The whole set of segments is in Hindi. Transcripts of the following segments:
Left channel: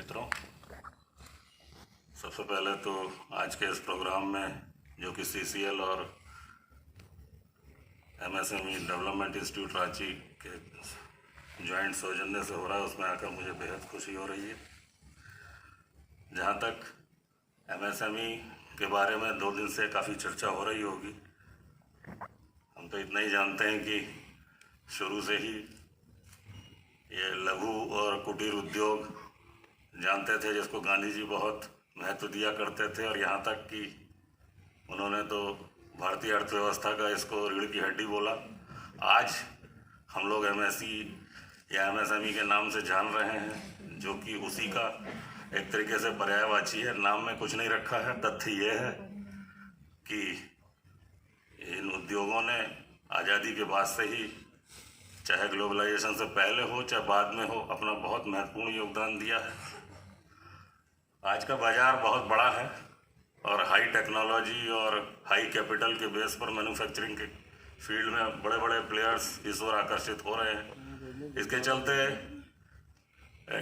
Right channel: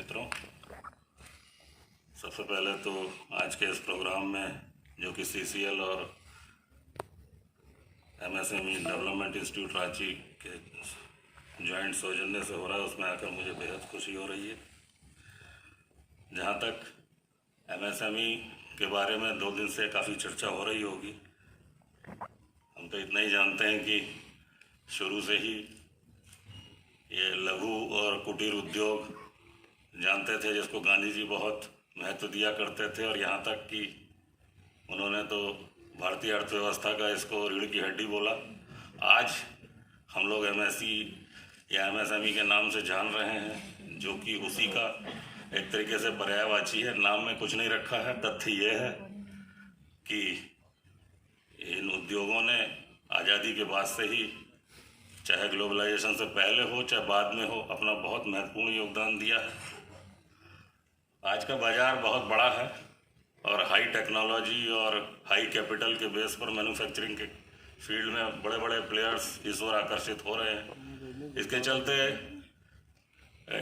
मित्रों, सबसे पहले तो आज के इस प्रोग्राम में जो कि CCL और MSME डेवलपमेंट इंस्टीट्यूट रांची के जॉइंट सौजन्य से हो रहा है, उसमें आकर मुझे बेहद खुशी हो रही है। जहाँ तक MSME के बारे में 2 दिन से काफ़ी चर्चा हो रही होगी, हम तो इतना ही जानते हैं कि शुरू से ही ये लघु और कुटीर उद्योग जानते थे, जिसको गांधी जी बहुत महत्व दिया करते थे। और यहाँ तक कि उन्होंने तो भारतीय अर्थव्यवस्था का इसको रीढ़ की हड्डी बोला। आज हम लोग MSE या MSME के नाम से जान रहे हैं, जो कि उसी का एक तरीके से पर्यायवाची है। नाम में कुछ नहीं रखा है। तथ्य ये है कि इन उद्योगों ने आज़ादी के बाद से ही, चाहे ग्लोबलाइजेशन से पहले हो चाहे बाद में हो, अपना बहुत महत्वपूर्ण योगदान दिया है। आज का बाज़ार बहुत बड़ा है और हाई टेक्नोलॉजी और हाई कैपिटल के बेस पर मैन्युफैक्चरिंग के फील्ड में बड़े बड़े प्लेयर्स इस ओर आकर्षित हो रहे हैं। इसके चलते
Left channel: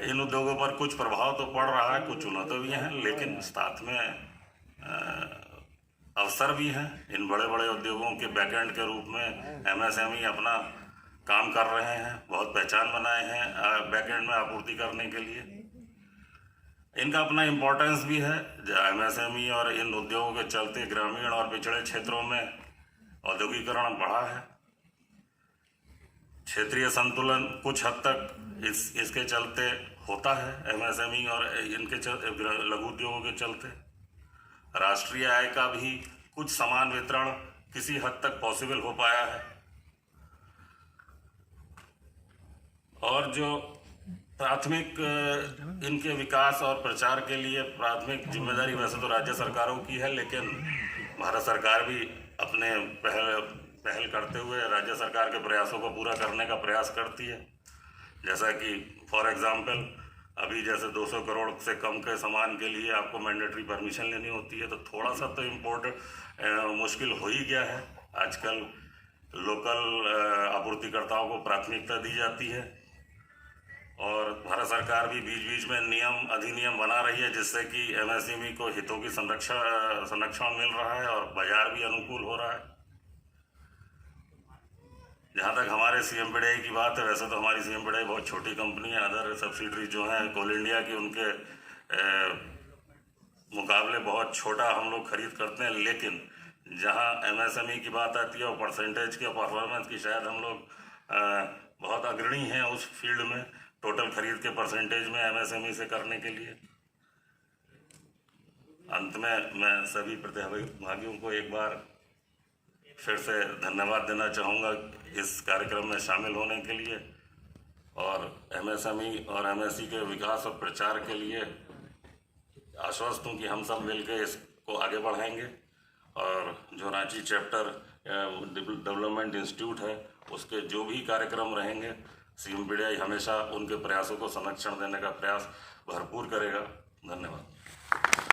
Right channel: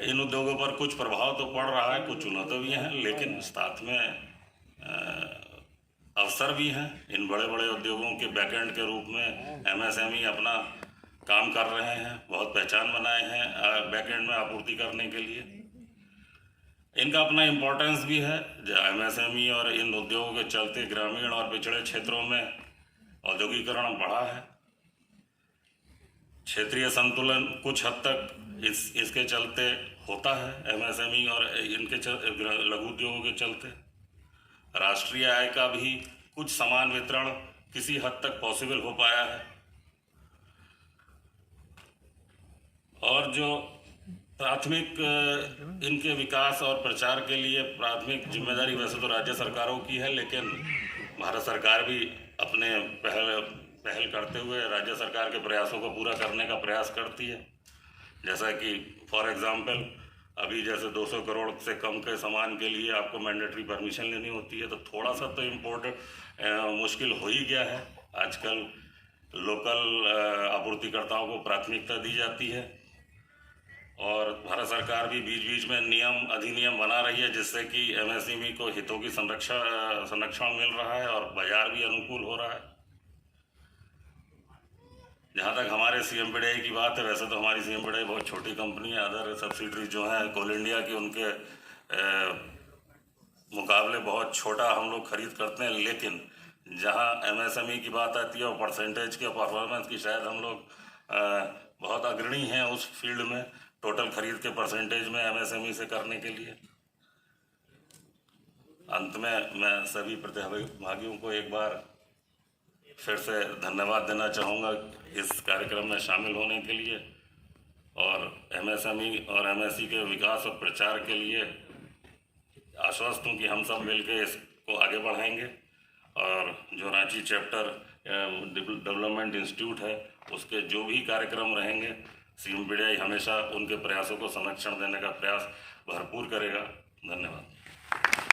इन उद्योगों पर कुछ प्रभाव तो पड़ रहा है, कुछ चुनौतियाँ भी हैं, लेकिन साथ में अवसर भी हैं। इन बड़े बड़े उद्योगों के बैकएंड के रूप में MSME अपना काम कर रहे हैं, बहुत पहचान बनाए हैं बैकएंड में आपूर्ति करने के लिए। इनका अपना इम्पोर्टेंस भी है। MSME और इन उद्योगों के चलते ग्रामीण और पिछड़े क्षेत्रों में औद्योगिकरण बढ़ा है। क्षेत्रीय संतुलन कुछ हद तक इसके चलते होता है। MSME और इनके लघु उद्योगों के चलते राष्ट्रीय आय का भी कुछ समान वितरण किसी हद तक पॉसिबल हो पाया है। और जो प्राथमिक इनके विकास और प्रचार के लिए प्राथमिक जिम्मेदारी वैसे तो राज्य सरकारों की है, लेकिन भारत सरकार भी अपने पहल करते हुए राज्य सरकार के प्रयासों को पूरा करने का प्रयास करती है। जैसा कि फॉर एग्जांपल अभी जैसे 200 करोड़ से कम के सामान के लिए आपको मैंडेटरी परमिशन लेनी होती है, तो थोड़ा सा तो इम्पोर्ट मुश्किल हो ही गया है। आजकल लोकल आपूर्तिकर्ताओं को प्राथमिकता दी जाती है और भारत सरकार भी बीच बीच में नियम अधिनियम बना रही है, जिससे कि MSME को हितों की संरक्षण मिल रहा है और बाजार भी अनुकूल हो रहा है। जहाँ तक हमारे CMPDI की बात है, वैसे तो हमारी CMPDI बहुत छोटी कंपनी है। अदर सब्सिडरी जो है कोल इंडिया की, उनके मुकाबले बहुत छोटा हम लोग खरीद करते हैं। लेकिन जहाँ MSME की बात आती है और परसेंटेज के परफॉर्मेंस की, शायद हम लोग बहुत अग्रणी हैं उस फील्ड में, टोटल खरीद के परसेंटेज में MSME से करने के लिए। अंत में मैं सभी प्रतिभागियों को एक बार फिर से धन्यवाद देना चाहूँगा इस कार्यक्रम में शामिल होने के लिए, और MSME और MSE के विकास और प्रचार के लिए आश्वस्त हूँ कि हम सब मिलकर इसको आगे बढ़ाएंगे। और जो रांची चैप्टर डेवलपमेंट इंस्टीट्यूट है, उसके जो भी कार्यक्रम रहेंगे, CMPDI हमेशा उनके प्रयासों को संरक्षण देने का प्रयास भरपूर करेगा। धन्यवाद।